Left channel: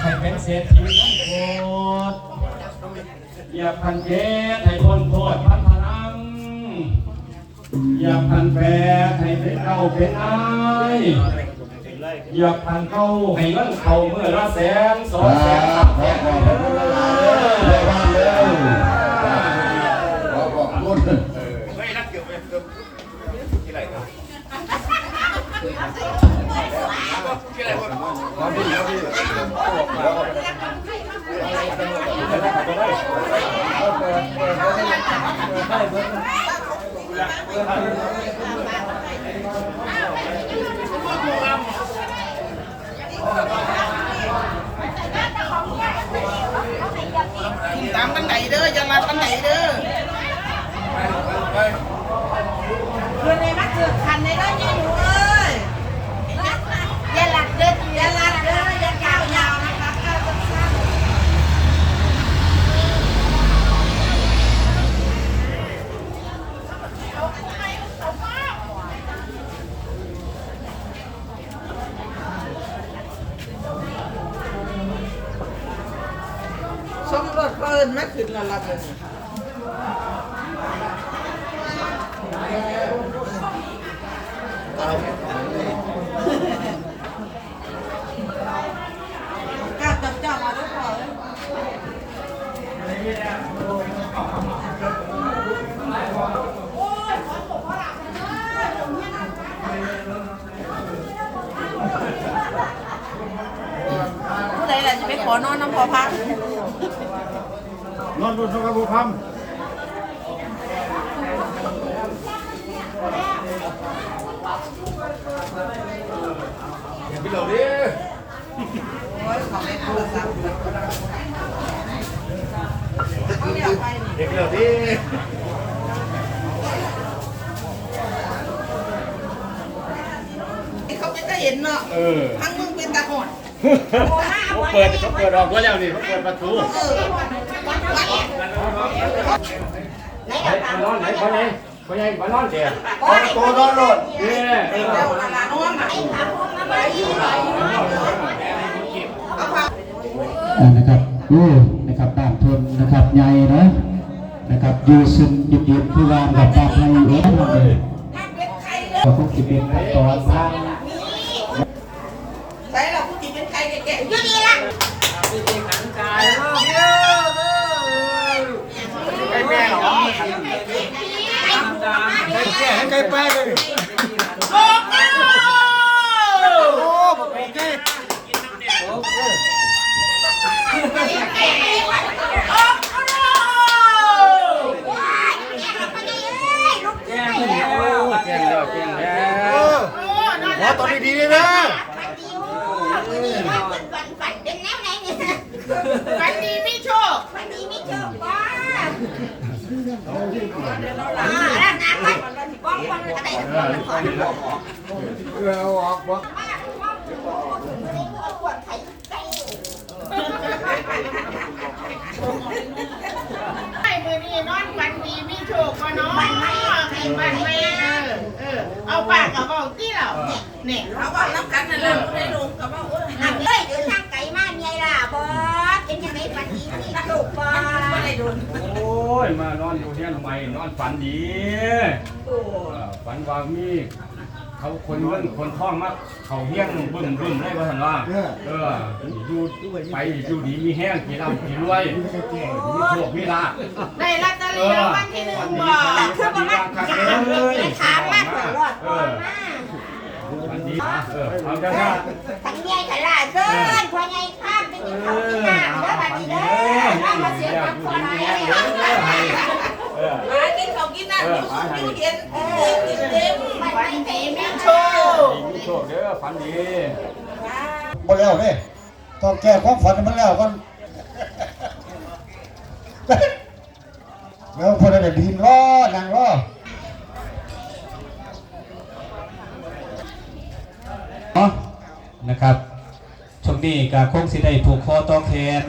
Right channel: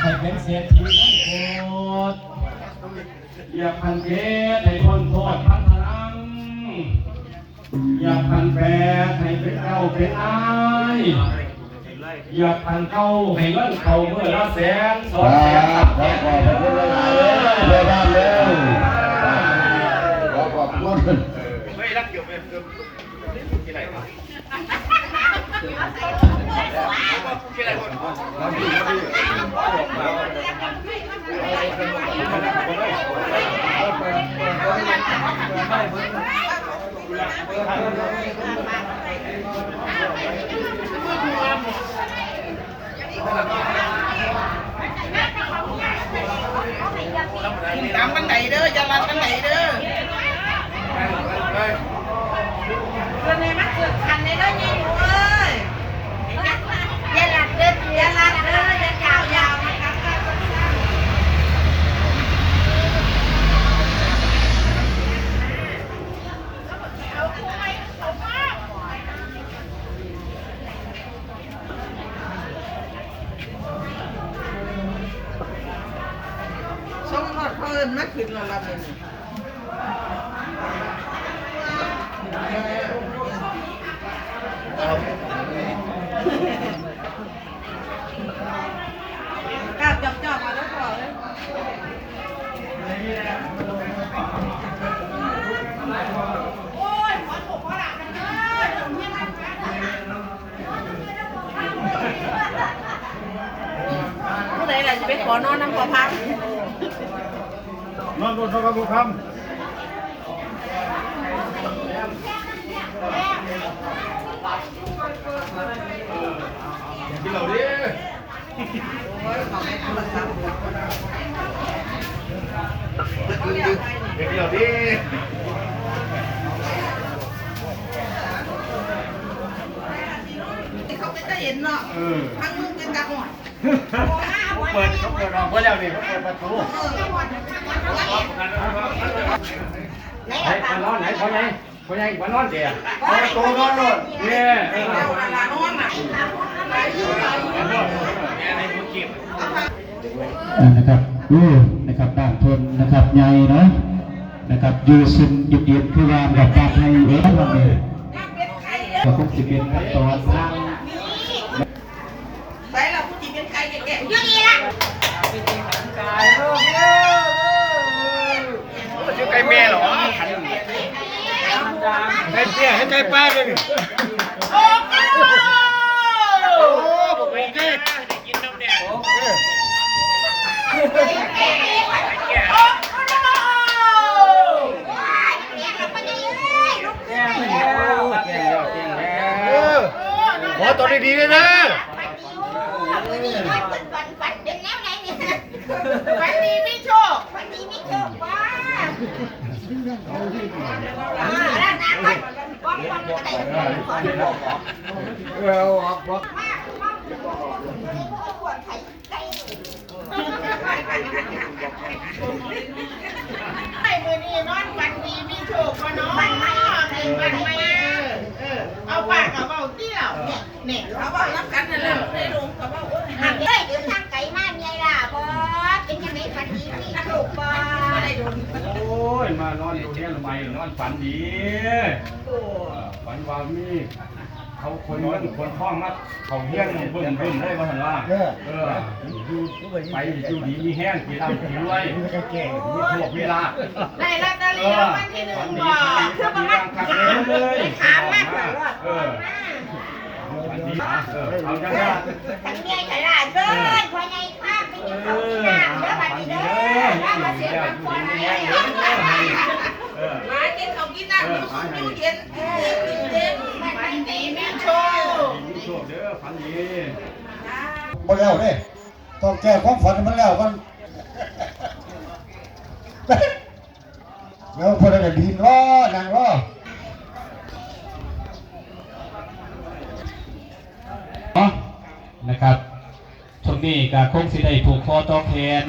ให้เป็นเศรษฐีทั้งหมดอย่าพันเพศให้คนโทษพันพลังอย่าพันแปดให้เป็นเก้าเป็นนายอย่าพันเก้าให้เงินเขาเมื่อละแสนสองแสนสามแสน ตามกันไหนเด้ออย่าลัดกันไหนเด้อเพื่อนในมันเกิดคันในเด้อยี่หนูเอ้ยอย่าลัดเด้ออย่าลัดเด้ออย่ายาวยาวนะครับข้าวสั้น สม รสเพิ่นไม่ขึ้นแล้วล่ะเลยกล้าจับจับมาแล้วพอแล้วผู้ใดล่ะจะไปขอนอนน้ำพอพัก นอนบนทองคำบุคำกินเหล่านี้โอ้ยของโทรศัพท์เด็กเหล่านี้เขาเป็นตาเห็นเนาะเออทั้งมึงเป็นตาหอด เขาเปิดเขาเปิดออกไว้แล้วนี่เขาเปิดประตูไหนคนนอนไหนคนไหนคนไหนคนนอนเดียวเอาประตูนอนรถเนี่ยเจ้าละละน้องน่ะเอาผ้าอ่านะครับดูนะครับด้านทนนะครับใหญ่เนาะนะครับอยูซึนยุดยุดคือวางกับการให้เอ๋เราเนี่ยก็คงจะเป็นขั้นตอนทาง ใส่ละผู้จิเป็นใครแก่ๆอยู่ดีละ ไก่แม่เหรอไก่แก่ให้ไป้าเลยโอ้โหโอ้บอกไปดิโอเคแก่แล้วแก่แล้วแก่แล้เอวอขอตอนดีๆเลยนะฝันดีมีโชค เออเอาอกบอกไอ้มือนี่นอนฝันดีมีโชคก็น้องฝันไหมฝันไหมเออเอาปากกับเบาที่เราเนี่ยเขาว่ารับกันนั่นแหละได้ลงกับว่าโอ้ย โดนโอ้ย มานอนอยู่เนี่ยทำไมนอนฝันดีโอ้เออฝันว่ามีเขาคนเงินคนท้องมากเขาเฮี้ยงบึ้มบึ้มได้ว่าสันว่าเอออยู่ไปอยู่ดีมีแห้งกี่ลำกี่รวยมีโชคมีลาภ ได้ลอตเตอเอรี่อรางวัลที่หนึ่งฝันบดีอกฝันดีคักเลยถามมากกว่ารอดเออฝันดีนะเออเอาได้ละทั้งใหญ่กับหลานเกินพอใหญ่ข้ามไปกินข้าวกินน้ำเด้อบัดนี้เด้อน้ำมาเสียพักผ่อนให้เออหากินเขากินน้ำอยู่สุขอยู่เย็นเออกินเต็มฝันดีมีโชค มีโชคเด้อฝันดีหมดแล้วเด้ต้องแก้ความฝันมันแล้วกันเดี๋ยวคนอะไรดินรอนั่งรอนะนะครับ นี้ก็คงสิได้ผูกคอต่อแขน